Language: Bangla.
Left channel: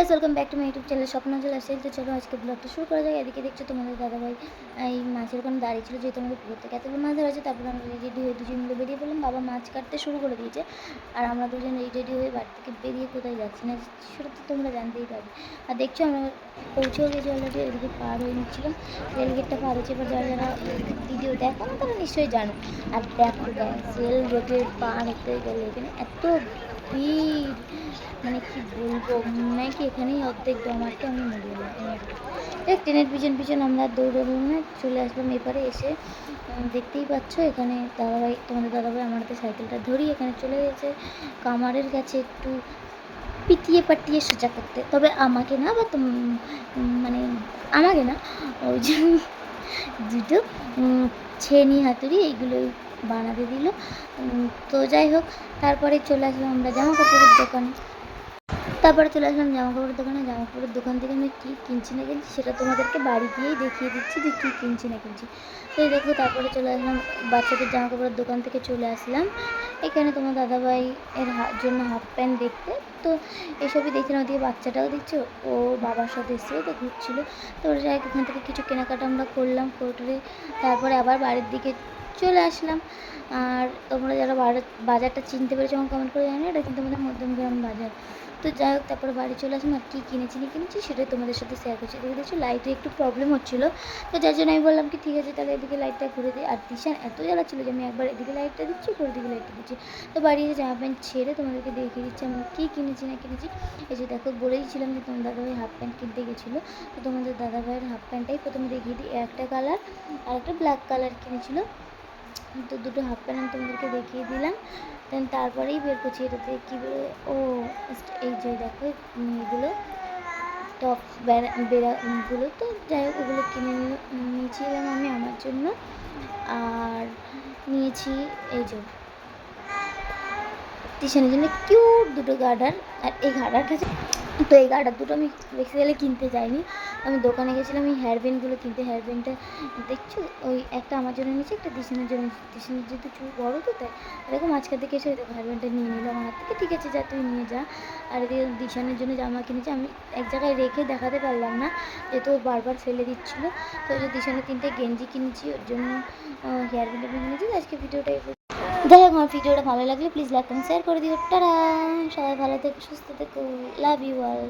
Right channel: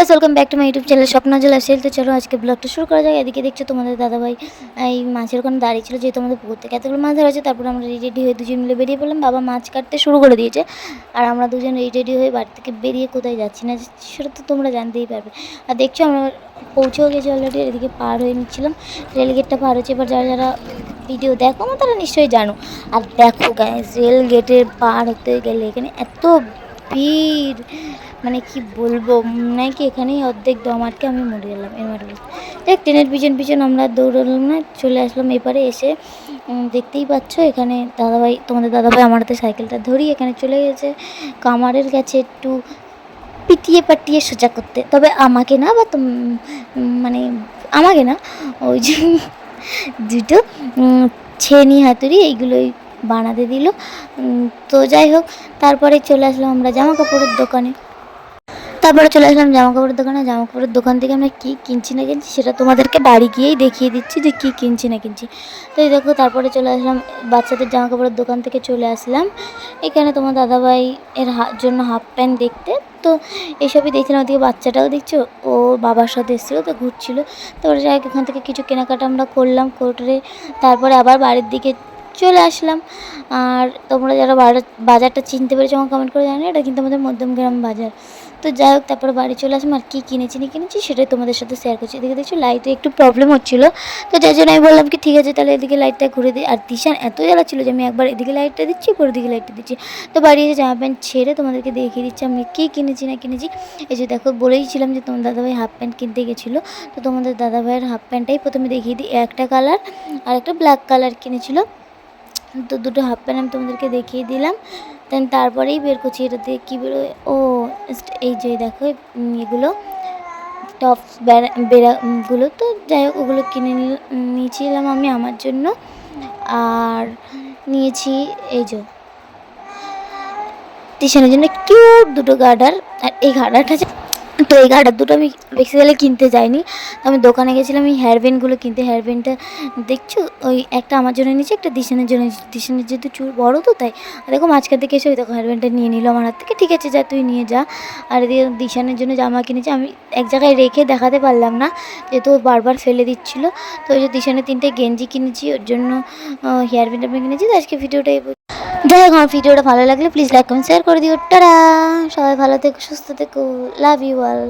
Guys, welcome back to my YouTube channel Swapnajal lifestyle. তো চলো আজকে ব্লগটা শুরু করা যাক। এদিকে দেখছো তোমাদের দাদাভাই এই মাছের ওখানে দাঁড়িয়ে ছিল, যেহেতু আমাদের পুকুর থেকে এতগুলো মাছ ধরা হয়েছে। তারপরে আমরা রেডি হয়ে দুজন মিলে বেরিয়ে পড়লাম। বাবা মাছ কাটতে শুরু করে দিয়েছে, আর আমরা দুজন রেডি হয়ে বাড়ি থেকে বেরিয়ে কোথায় যাচ্ছি না সেটা তো তোমরা জানতেই পারবে। আর দেখছো আমরা পৌঁছেও গেছি অলরেডি। এদিকে পার হয়ে নিচ্ছিলাম, রেলগেটটা পার হচ্ছে। এবার যারা যারা ভিডিও দেখো না তারা নিশ্চয়ই জানো। আর দেখো গাইস, রেল গেটের পার হতে গেলে এখানে এত ভিড়, মানে কি বলবো, নাকি এখানেই অর্ধেক দম আটকে আমি মরে গেলাম। এবার দেখ ট্রেনের পিছন পিছন আমরা দৌড়ালাম, না চলে আসলাম এপারে। এসে দেখতেই পাচ্ছ এখানে দাদাভাই, তোমাদের দাদাভাই আমার হাতে সাইকেলটা ধরি এখানে চলে গেছে কামারের কাছে একটু পিটিয়ে পাটিয়ে সোজা করতে। তবে আমাকে না, বা মানে আমাকে না, ওই যে দুটো ছেনি হাতুড়ি এইগুলোই বানাতে দিল। তো যাই হোক, তারপরে চলে আসলাম আমরা জামা কাপড়ের দোকানে। জামা কাপড়ের দোকান থেকে আমরা কী কিনছি না কিনছি সেটা তোমাদেরকে বাড়ি গিয়েই দেখিয়ে দিচ্ছি যে কী কিনছি না কিনছি। তো এই দেখো, তারপরে চলে আসলাম বাচ্চাদের জামা কাপড়ের দোকান থেকে চলে আসলাম এখানে তোমার দাদাভাই এর জন্য হাফ প্যান্ট দেখতে। তো এইসবই দেখছিলাম। ওদিকে বাচ্চাটাও দেখছো, ও বাবার সাথে এসেছিলো, তো ঘুরছিলো। তারপরে যাই হোক, ওখান থেকে কিছু কেনাকাটা আমরা করলাম করে তারপরে আবার বাড়ির দিকে চলে আসলাম। আর তোমরা যারা বাজারটা চিনতে পেরেছো আমার কমেন্ট করে জানি, এটা কিন্তু আমাদের মধ্যমগ্রাম বাজার। তো যাই হোক, তারপরে বাড়ি চলে আসলাম। আর কী কিনেছি সেটাই তোমাদের সাথে শেয়ার করছি। এদিকে দেখছো লাইটে একটু প্রবলেম হচ্ছিলো, তো যার জন্য আমি বললাম কি ঠিক আছে তাহলে এদিকে লাইটটা ঘুরে দিই। আর দিশান এত জ্বালা ছিল যে আমি একবার এদিকে লাইটটা দিচ্ছি, পরের দিকে লাইটটা দিচ্ছি। তো বাড়ি এসে জামা প্যান্ট ছেড়ে তোমাদেরকে দেখিয়ে দিচ্ছি আমি কী কিনেছি না কিনেছি। এই যে দেখো, বলেইছিলাম যে তোমার দাদাভাই হাফ প্যান্ট কিনতে গেছিলো, তো তোমাদের দাদাভাইয়ের হাফ প্যান্টটাই প্রথমে দেখিয়ে দিই। একটা কালার আর একটা ব্ল্যাক কালার কিনেছিলো, তো দুটো হাফ প্যান্ট আমি তোমাদেরকে দেখিয়ে দিলাম। দেন তারপরেই বের করছি এটাতে কী বেরোয়। ও এই যে দেখো এগুলো টপস বেড়াগুলো, তো যাই হোক ওগুলো কিনে নিয়েছিলাম আমি আমার জন্য। আর নিয়েছি এই যে টিশানের জন্য কিউট দুটো গার্ডার। আর এই গার্ডারটা, তো এই গার্ডার দুটো আমি বেসিক্যালি কিনতে যাইনি, আমি দোকানে গেছিলাম এই হেয়ারব্যান্ডগুলো কিনতে। হেয়ারব্যান্ডটা দেখছো, ওই একটা আমার জন্য নিয়েছি, একটা দিশানের জন্য নিয়েছি। দিশানের যেহেতু চুল বড়ো, তো তাই দেখো মাঝখান থেকে এসে ওই দেখো হেয়ারব্যান্ডটা নিয়ে নিল আমার হাত থেকে। ঠিক আছে যা, তুই নিয়ে যা। আর এদিকে দিশানের জন্য জামা কিনেছি, আমি এক জায়গায় রেখে দেখাতে পারলাম না যেহেতু বারবার ফেলে দিচ্ছিলো। তো ওই যে দিশানের 3টে গেঞ্জি কিনেছি, ওর জন্য হেয়ারব্যান্ড আমি কিনেছি। তো আজকে ভিডিওটাই যাই হোক, আমার ভিডিওটা ভালো লাগলে প্লিজ লাইক কমেন্ট শেয়ার করে দিও। টাটা, সবাই ভালো থেকো, সুস্থ থেকো, লাভ ইউ অল।